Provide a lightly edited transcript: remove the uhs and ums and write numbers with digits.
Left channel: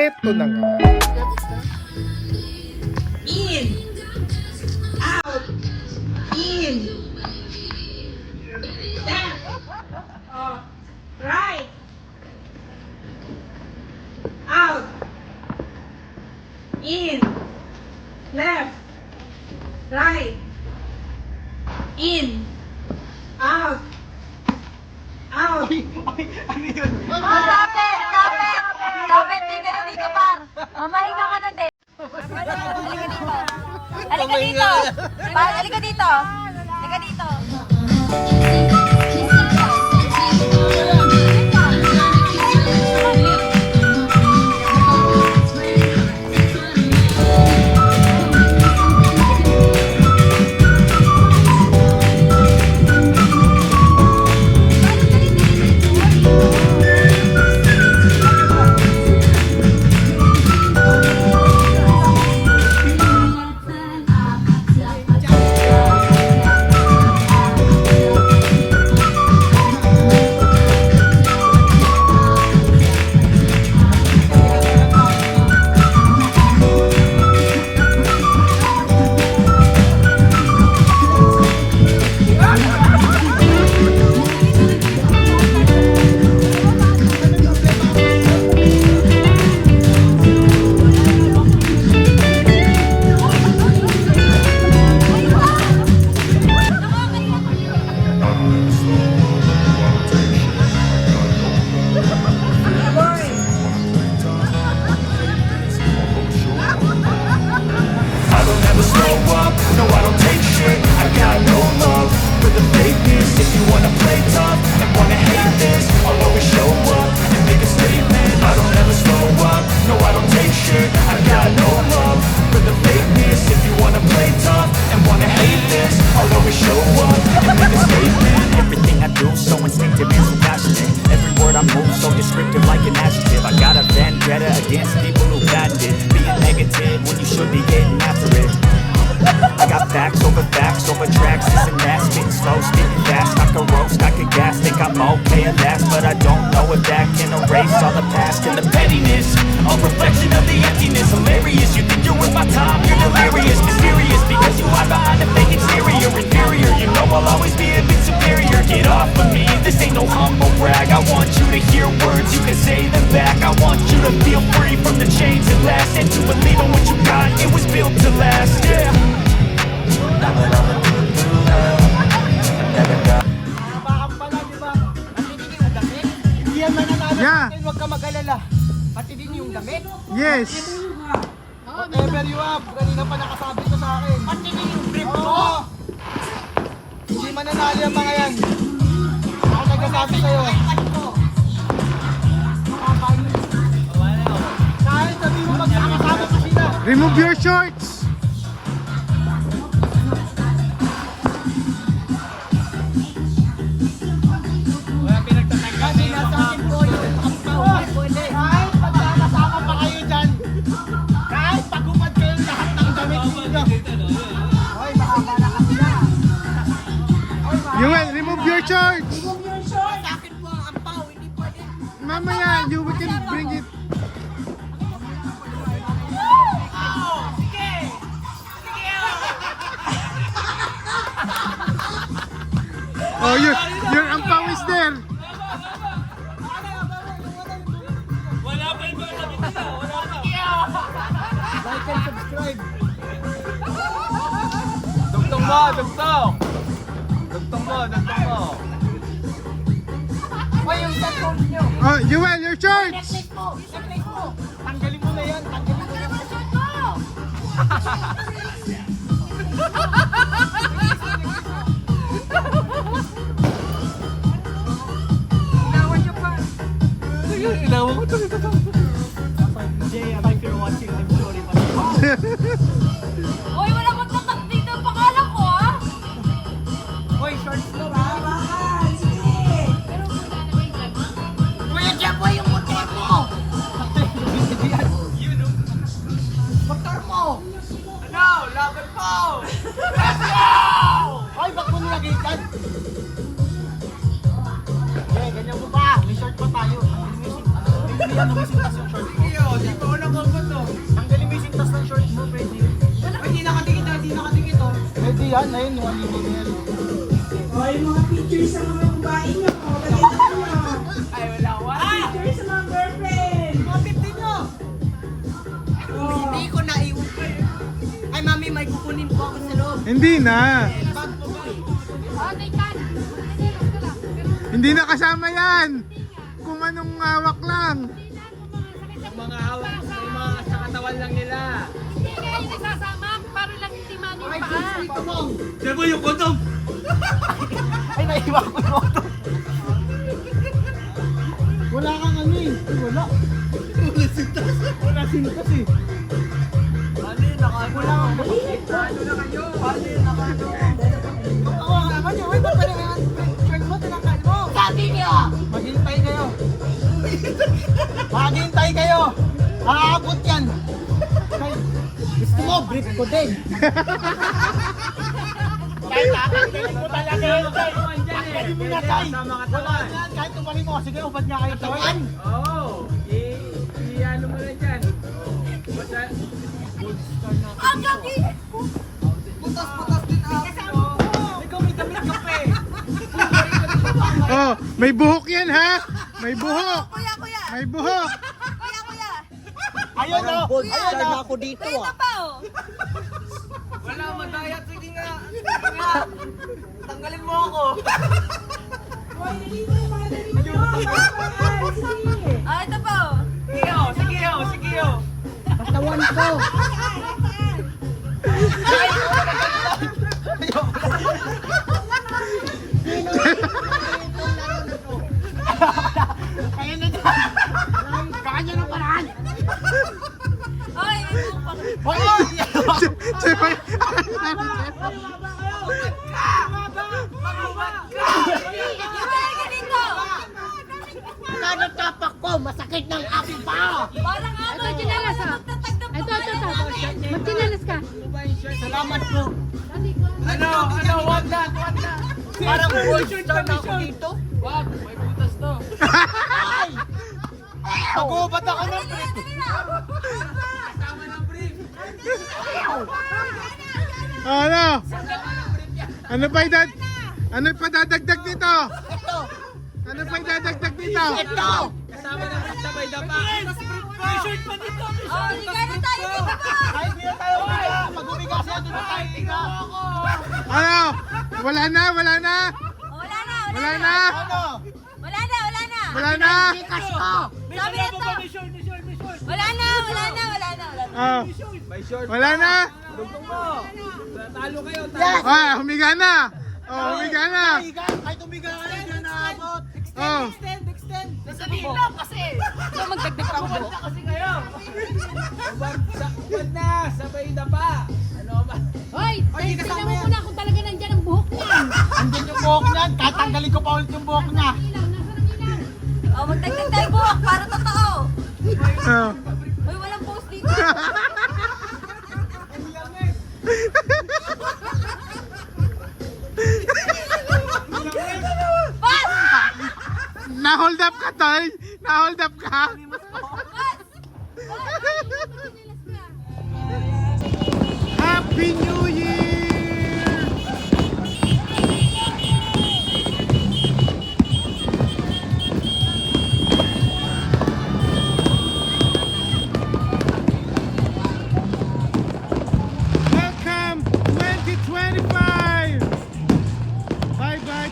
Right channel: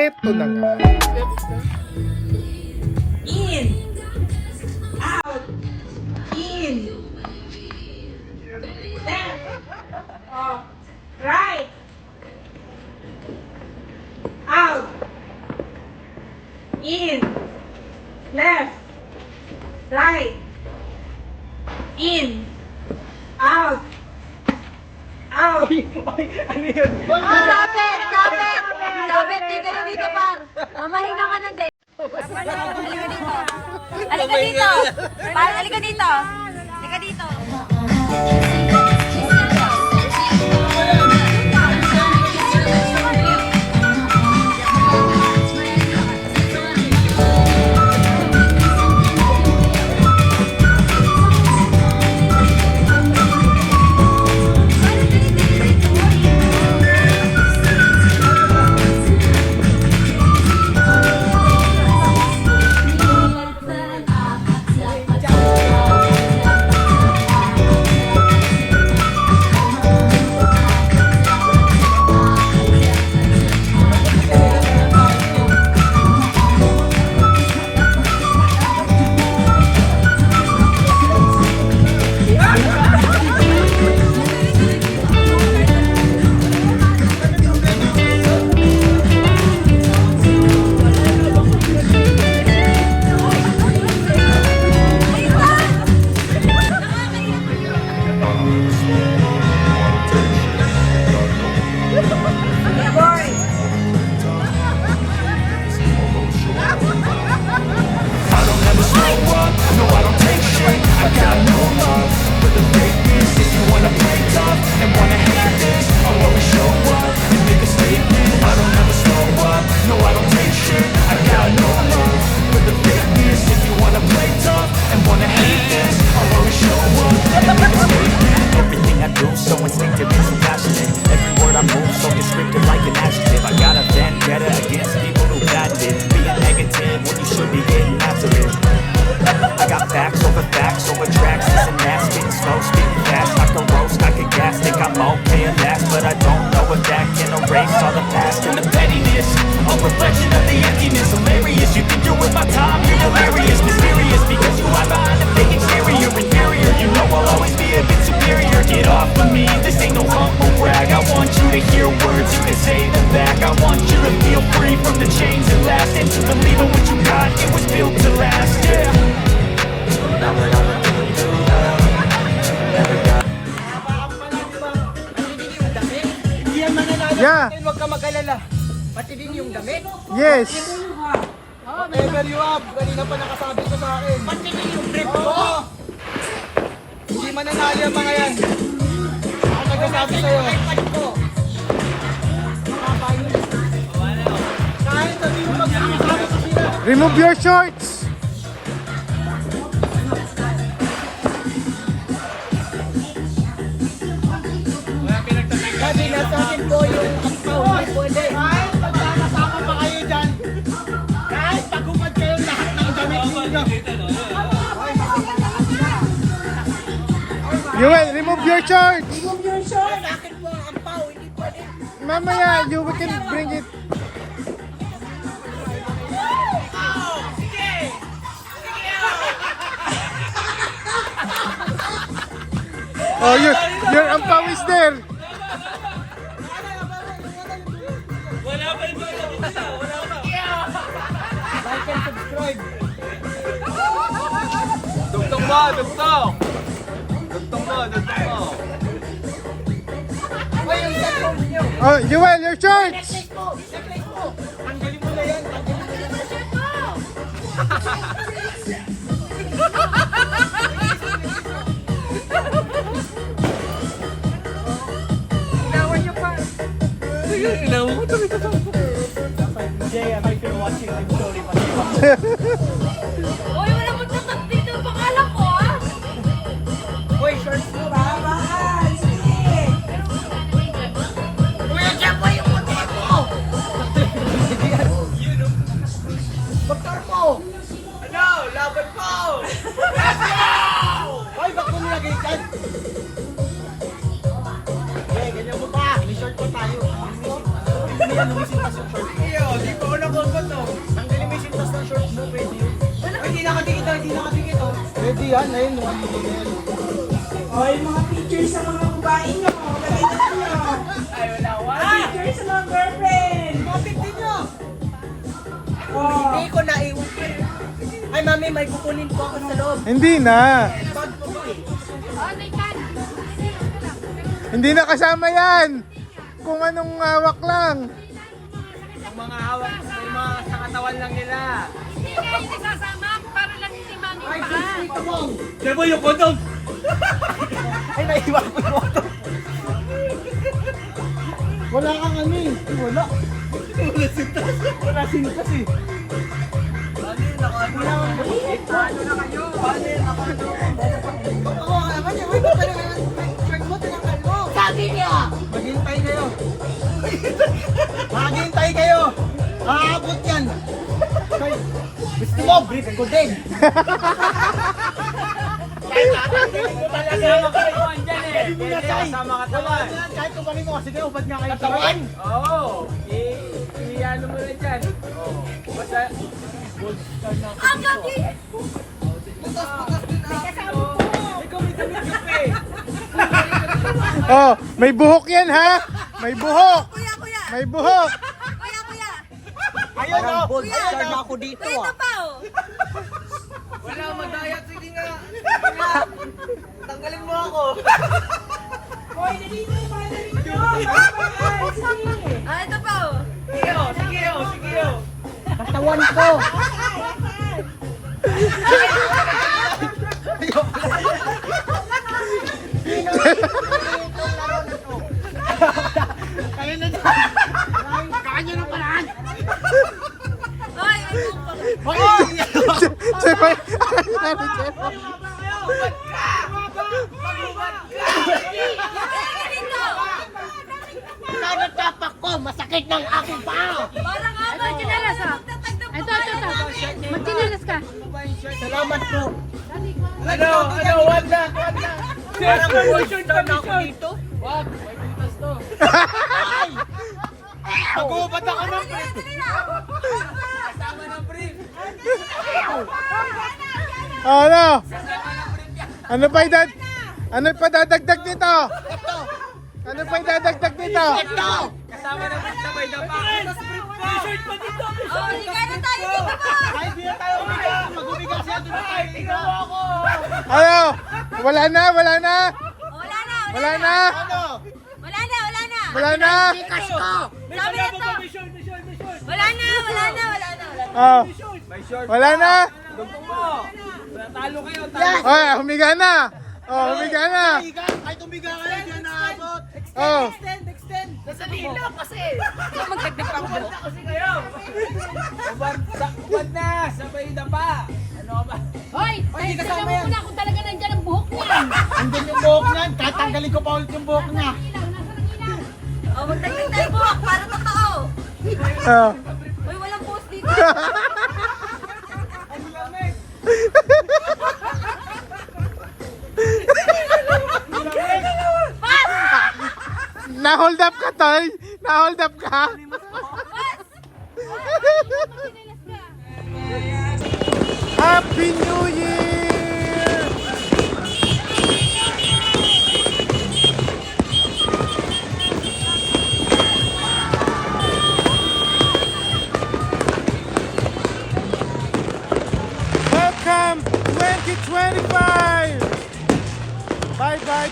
Eto na nga. In. Out. In. Left. Right. Out. In. Left. Right. In. Out. Out. Ano yun? Stop it! Stop it! Stop it! Dito na dito, par! Mamahinga ka na din. Halika dito. Halika dito. Par, halika dito. Halika dito. Descriptive like an adjective. I got a vendetta against people who patented being negative when you should be getting after it. I got facts over tracks, this and that, spitting slow, spitting fast. I could roast, I could gas, think I'm okay at last, but I don't know if that can erase all the past and the pettiness. A reflection of the emptiness, hilarious. You think you're worth my time, you're delirious, mysterious because you hide behind a fake exterior, inferior. You know I'll always be a bit superior. Get off of me, this ain't no humble brag. I want you to hear words, you can say them back. I want you to feel free from the chains at last, and to believe in what you got, it was built to last, yeah. Now that I've been through hell, I never got. Yeah. Huwag ka mag-alala. Pati din yung damit. Yes. Whatever you have. Kanina pa nakasabi ko sa akin. Pati din yung brief mo. Hindi mananali ang mga yan. Ako nagsasabi sa'yo. Kahit sabi mo mag-isama sa sila. Remove your shorts. Sabi nga sa akin po yung ampaw. Hindi pwede. Kahit magkakasama pa kayo dyan. Kahit pagumad kayo lahat ng damit ninyo. Yuel, remove your shorts. Sa akin po ang ampaw. Hindi pwede. Mamaya, you can bring it. Oh, your ampaw is there. Dugtong mo, dugtong. Dugtong mo, dugtong mo. Ay, yung cellphone niyo. Oh, Yuel, your shorts. Check mo. Tanggalin mo na yan. Tanggalin mo na yan. Jay, if you're watching, I'm sorry. Uy, walang magtataktik ng pangalan ko, ah! Uy, shorts mo ha? Kuya Jeboy, yung puti mo! Baktar mo! Ano? Laban po! Let's go! Ay, ba't mo nilagay dyan? Okay, ganyan mo ba? May short pa tayo. Hindi yan, lumisin pa sa short. Iyo, di ko yan, ayun, naliligyan. O, yung mga pictures sa mga babae nyo. Ay, wala. Pictures sa mga girlfriend. Tignan nyo. Hindi ko naiwan. Ay, mami, may kukunin po ako sa loob. Hindi na. Bag mo ba eh? Hindi na kasama yan. Kung anong hawak lang. Ang mga hawak ko yung mga sa katawan lang nila. Hindi kayo nagsasama para lang si mami Ay, pala. dito mo. Diba yung kondom? Ay, naiwan ko yung auto. Wala kang ano eh. Wala. Wala sintas. Wala sintas eh. Paano yun? Wala kang nakakit. Paano yun? Oo, naman yun. Uy, ba't pala shirt mo? Tinakal mo. Sabi niyo! Maghintay kayo. Maghintay kayo. Aabot yan. Ay, gusto mo, brief ko din. Ay, tatanggalin mo talaga yun. Tanggalin mo na, Tay. Wala yan. Kahit kumanin mo kasi kayo, ba't niya kayo tawan? Oo. Iyan mo rin dyan. Ang gabi! Butas-butas din ah. Ikaw may damit ka pa eh. Oh, may buhok yan ha. May buhok. Kuya, kuya! May buhok. Kuya, kuya! Ayun o. Ayun o. Ako dito Kuya, ito ah. pa oh! Wala, madayat. Sige nga. Tanggalin mo ako. Hoy, nalito yung mga nalito. Ah, ito pa oh! Sige o, sige o, sige o. Katawan ko. Kaya na dyan. Kanya ng paraan. Ay, ano pa? Hoy! Chepe. Lumaya ka dito! Tapak ko, masakit ng aking paa. Parang nga ba, Janelas ka? Ito, namin! Magtinalas ka! Salamat po. Ano, one na. Parang may shirt kami dito. Wag, may butas to. Ay! Pag-ubat ako ng brief. Kasama ng brief. Oh, ano? Ano pa idad? Ano pa dadagdag dito? Ito! Ano pa idadagdag dito? Ito! Kasama ng brief na may dapa. May shirt pa dito. Oh, hindi kayo tayo dito pa! Kahit di na tayo umigas, mag-umigas yan doon tayo. Ikaw ako! Ano? Wala na, wala na. Wala na! Wala na. Ano? Wala na! Wala na! Wala na. Ikas ko! May Sabi salabo nito. pa, may short. Wala na! Wala na! Wala na! Wala na! Oh. May short. Wala na. Talo kayo, Yan! Oh, humiga na. Oh, humiga na. Umigas! Kahit umigas ka, hindi na naabot. Oh. Extend! Sabihin lang kasi! Ikaw magdagdag ka mo. kasi kayo. Ubad na, sabay yung dapa. Ano ka ba? Hoy! Ay, di Tignan kasama mo yan. muna kung talaga nandyan ang buhok niya! Andun yung buhok niyan, tatanggalin ko pa ulit yung buhok niya. Oh, magdagdag tayo buhok para totoo! Oh. Uy, walang post dito! Na-hold up ka, Toy. Na-hold up ka. Happy New Year! Welcome 2025! Bye-bye,